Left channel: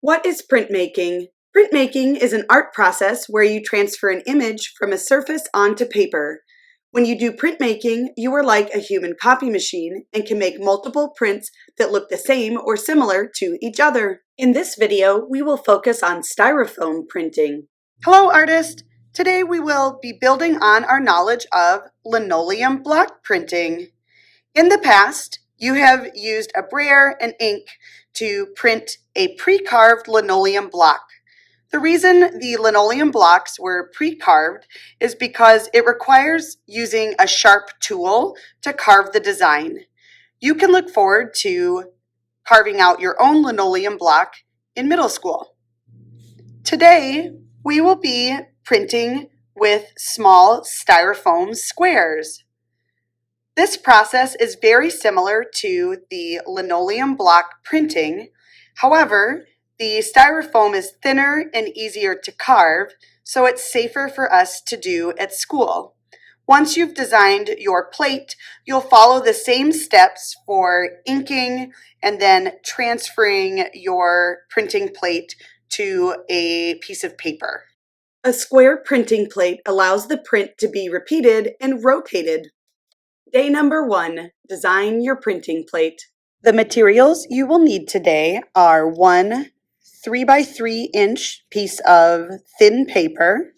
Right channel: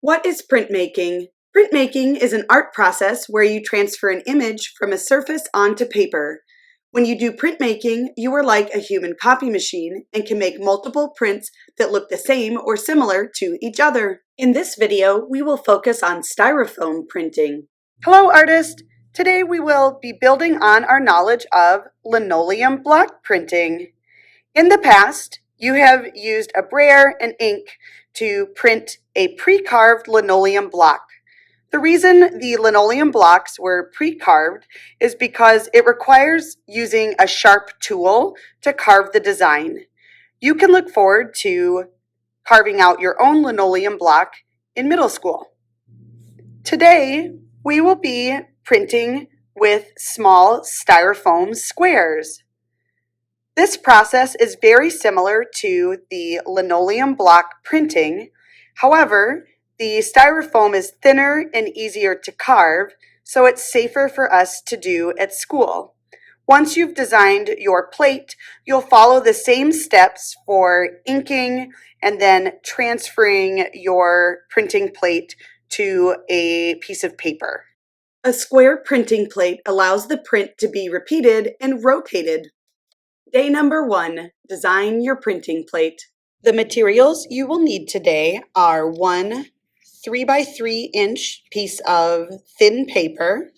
What is printmaking? Printmaking is an art process where you transfer an image from a surface onto paper. When you do printmaking, you are like a human copy machine and can make multiple prints that look the same or similar to each other. In this video, we will focus on styrofoam printing. Hello, artist! Today we will be building on our knowledge of linoleum block printing. In the past, you have used a brayer and ink to print a pre-carved linoleum block. The reason the linoleum blocks were pre-carved is because it requires using a sharp tool to carve the design. You can look forward to carving out your own linoleum block in middle school. Today, we will be printing with small styrofoam squares. This process is very similar to the linoleum block printing. However, the styrofoam is thinner and easier to carve, so it's safer for us to do at school. Once you've designed your plate, you'll follow the same steps for inking and then transferring your printing plate to a piece of paper. A square printing plate allows the print to be repeated and rotated. Day number 1, design your printing plate. The materials you will need today are 1 3x3-inch piece of thin paper,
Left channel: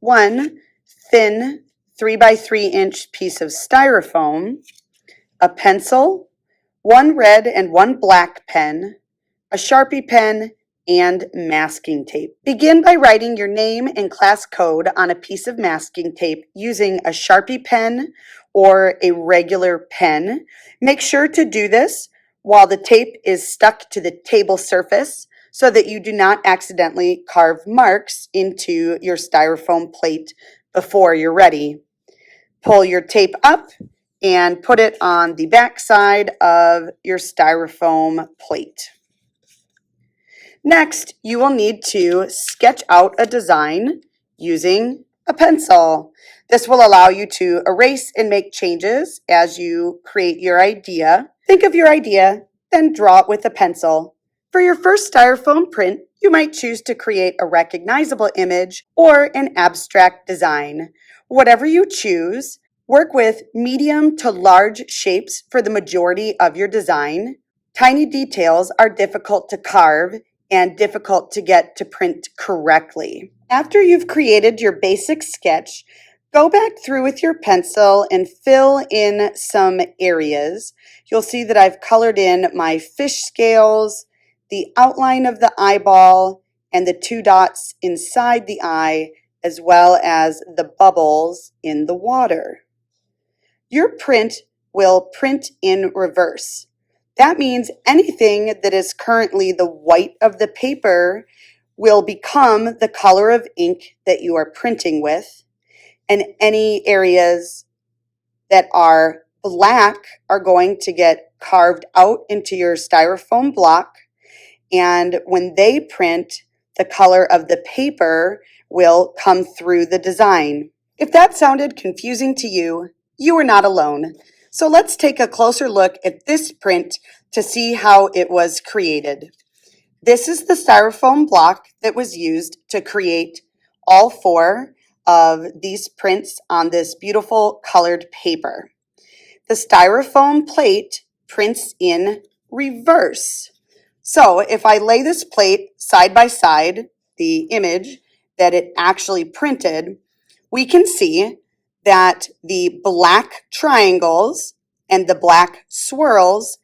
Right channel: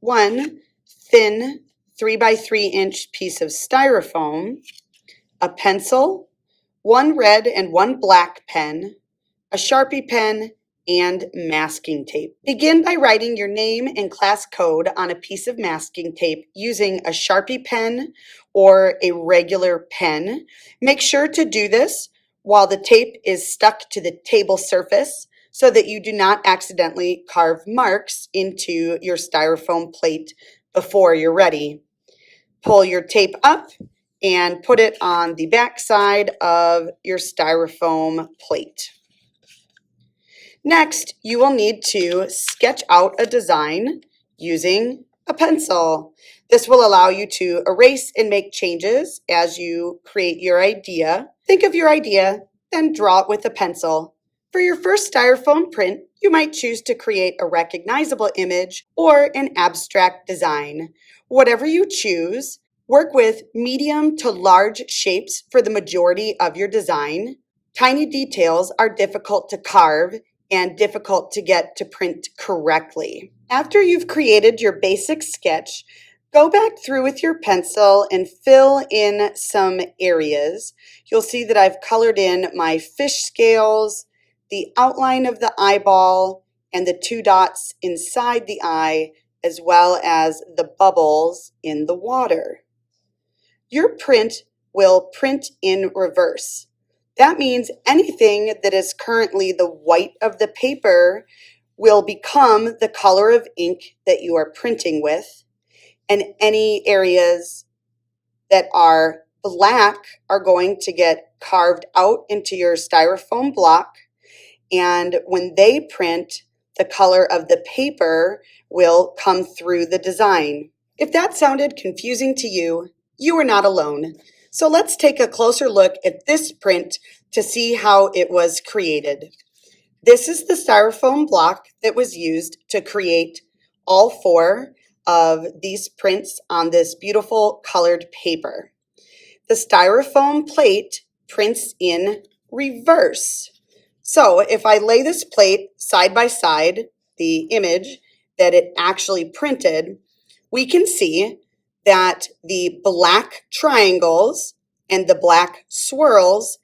1 thin 3x3-inch piece of styrofoam, a pencil, 1 red and 1 black pen, a Sharpie pen, and masking tape. Begin by writing your name and class code on a piece of masking tape using a Sharpie pen or a regular pen. Make sure to do this while the tape is stuck to the table surface so that you do not accidentally carve marks into your styrofoam plate before you're ready. Pull your tape up and put it on the back side of your styrofoam plate. Next, you will need to sketch out a design using a pencil. This will allow you to erase and make changes as you create your idea. Think of your idea, then draw it with a pencil. For your first styrofoam print, you might choose to create a recognizable image or an abstract design. Whatever you choose, work with medium to large shapes for the majority of your design. Tiny details are difficult to carve and difficult to get to print correctly. After you've created your basic sketch, go back through with your pencil and fill in some areas. You'll see that I've colored in my fish scales, the outline of the eyeball, and the 2 dots inside the eye, as well as the bubbles in the water. Your print will print in reverse. That means anything that is currently the white of the paper will become the color of ink that you are printing with, and any areas that are black are going to get carved out into your styrofoam block, and when they print, the color of the paper will come through the design. If that sounded confusing to you, you are not alone. So let's take a closer look at this print to see how it was created. This is the styrofoam block that was used to create all 4 of these prints on this beautiful colored paper. The styrofoam plate prints in reverse. So if I lay this plate side by side, the image that it actually printed, we can see that the black triangles and the black swirls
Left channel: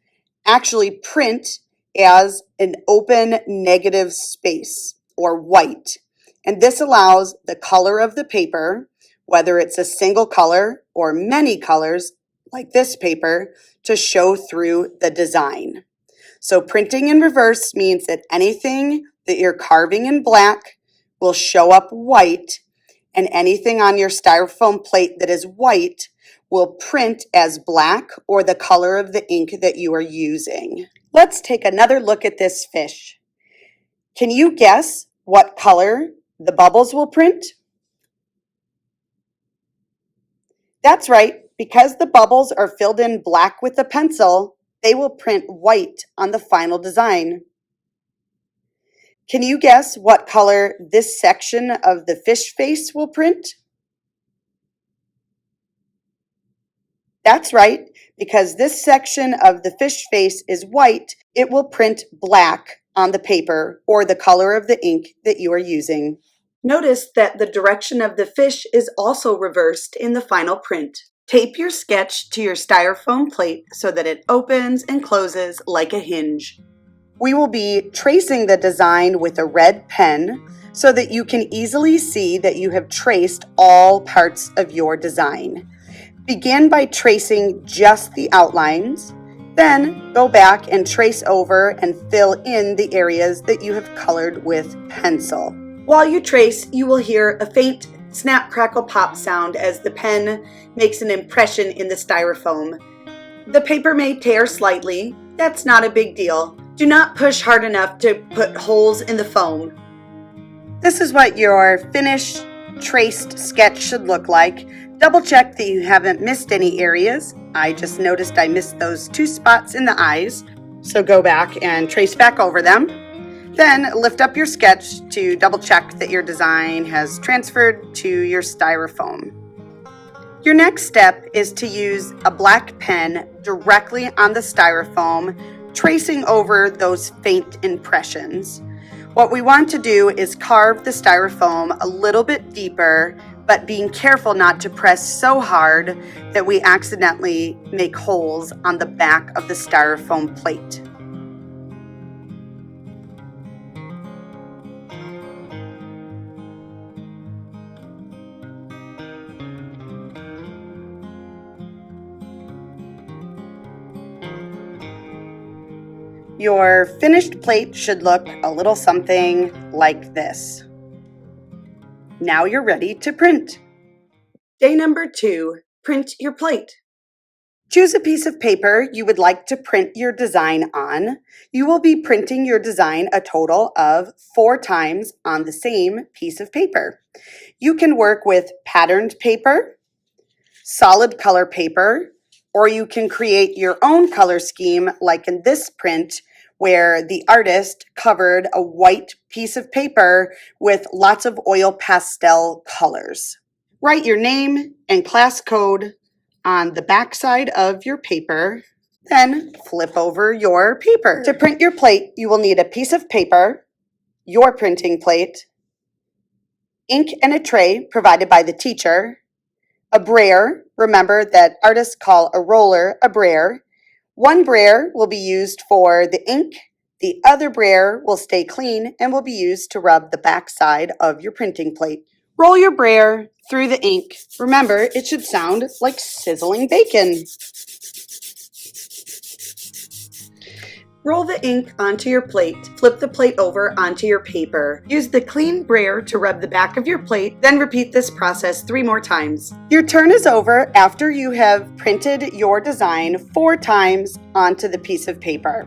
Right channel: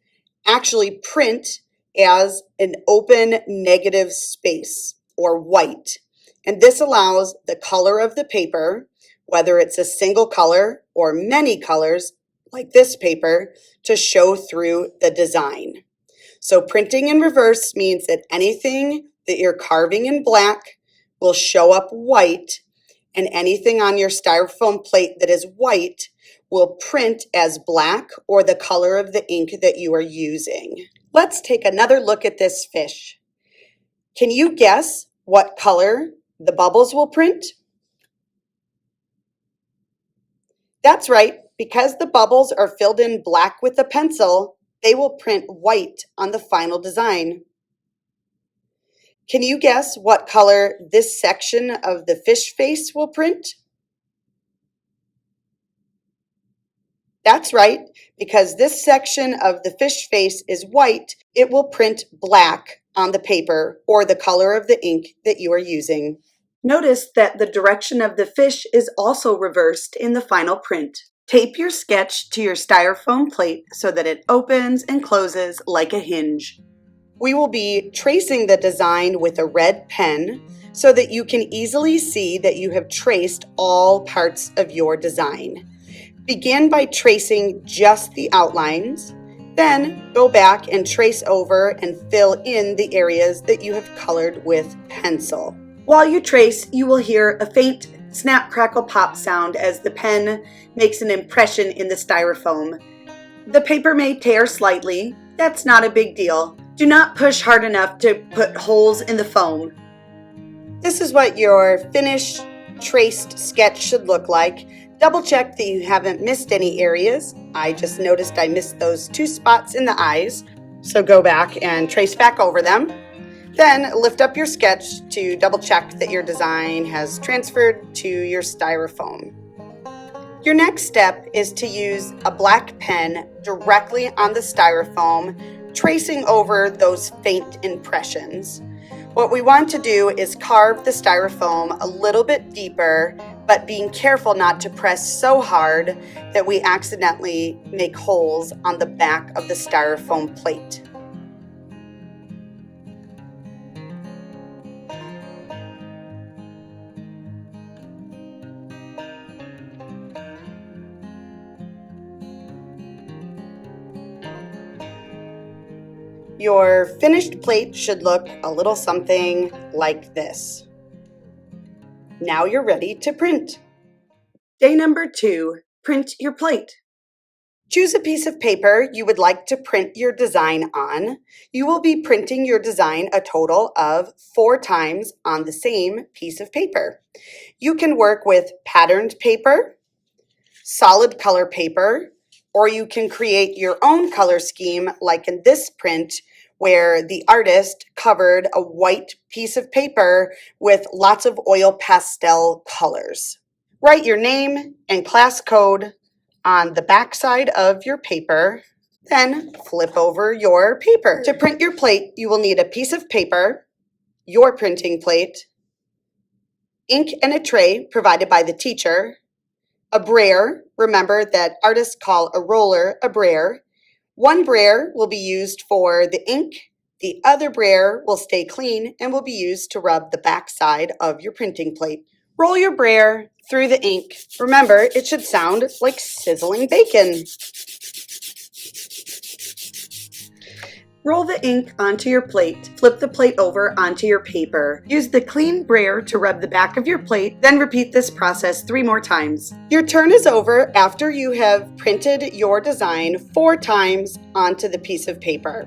actually print as an open negative space or white. And this allows the color of the paper, whether it's a single color or many colors like this paper, to show through the design. So printing in reverse means that anything that you're carving in black will show up white, and anything on your styrofoam plate that is white will print as black or the color of the ink that you are using. Let's take another look at this fish. Can you guess what color the bubbles will print? That's right, because the bubbles are filled in black with a pencil, they will print white on the final design. Can you guess what color this section of the fish face will print? That's right, because this section of the fish face is white, it will print black on the paper or the color of the ink that you are using. Notice that the direction of the fish is also reversed in the final print. Tape your sketch to your styrofoam plate so that it opens and closes like a hinge. We will be tracing the design with a red pen so that you can easily see that you have traced all parts of your design. Begin by tracing just the outlines, then go back and trace over and fill in the areas that you have colored with pencil. While you trace, you will hear a faint snap, crackle, pop sound as the pen makes an impression in the styrofoam. The paper may tear slightly. That's not a big deal. Do not push hard enough to put holes in the foam. This is what your finished traced sketch should look like. Double check that you haven't missed any areas. I just noticed I missed those 2 spots in the eyes. So go back and trace back over them. Then lift up your sketch to double check that your design has transferred to your styrofoam. Your next step is to use a black pen directly on the styrofoam, tracing over those faint impressions. What we want to do is carve the styrofoam a little bit deeper, but being careful not to press so hard that we accidentally make holes on the back of the styrofoam plate. Your finished plate should look a little something like this. Now you're ready to print. Day number 2, print your plate. Choose a piece of paper you would like to print your design on. You will be printing your design a total of 4 times on the same piece of paper. You can work with patterned paper, solid color paper, or you can create your own color scheme like in this print where the artist covered a white piece of paper with lots of oil pastel colors. Write your name and class code on the back side of your paper, then flip over your paper. To print your plate, you will need a piece of paper, your printing plate, ink and a tray provided by the teacher, a brayer. Remember that artists call a roller a brayer. One brayer will be used for the ink. The other brayer will stay clean and will be used to rub the back side of your printing plate. Roll your brayer through the ink. Remember, it should sound like sizzling bacon. Roll the ink onto your plate. Flip the plate over onto your paper. Use the clean brayer to rub the back of your plate, then repeat this process 3 more times. Your turn is over after you have printed your design 4 times onto the piece of paper.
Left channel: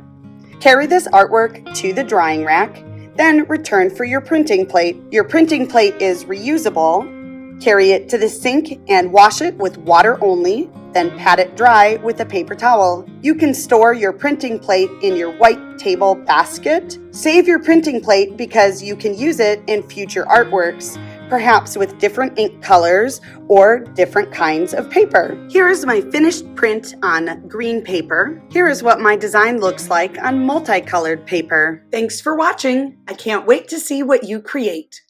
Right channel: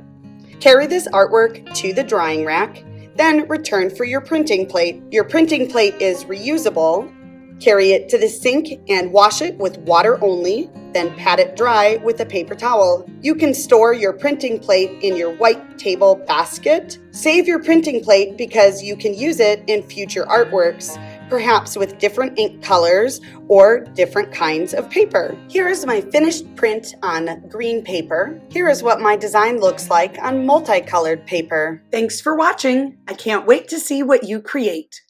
Carry this artwork to the drying rack, then return for your printing plate. Your printing plate is reusable. Carry it to the sink and wash it with water only, then pat it dry with a paper towel. You can store your printing plate in your white table basket. Save your printing plate because you can use it in future artworks, perhaps with different ink colors or different kinds of paper. Here is my finished print on green paper. Here is what my design looks like on multicolored paper. Thanks for watching. I can't wait to see what you create.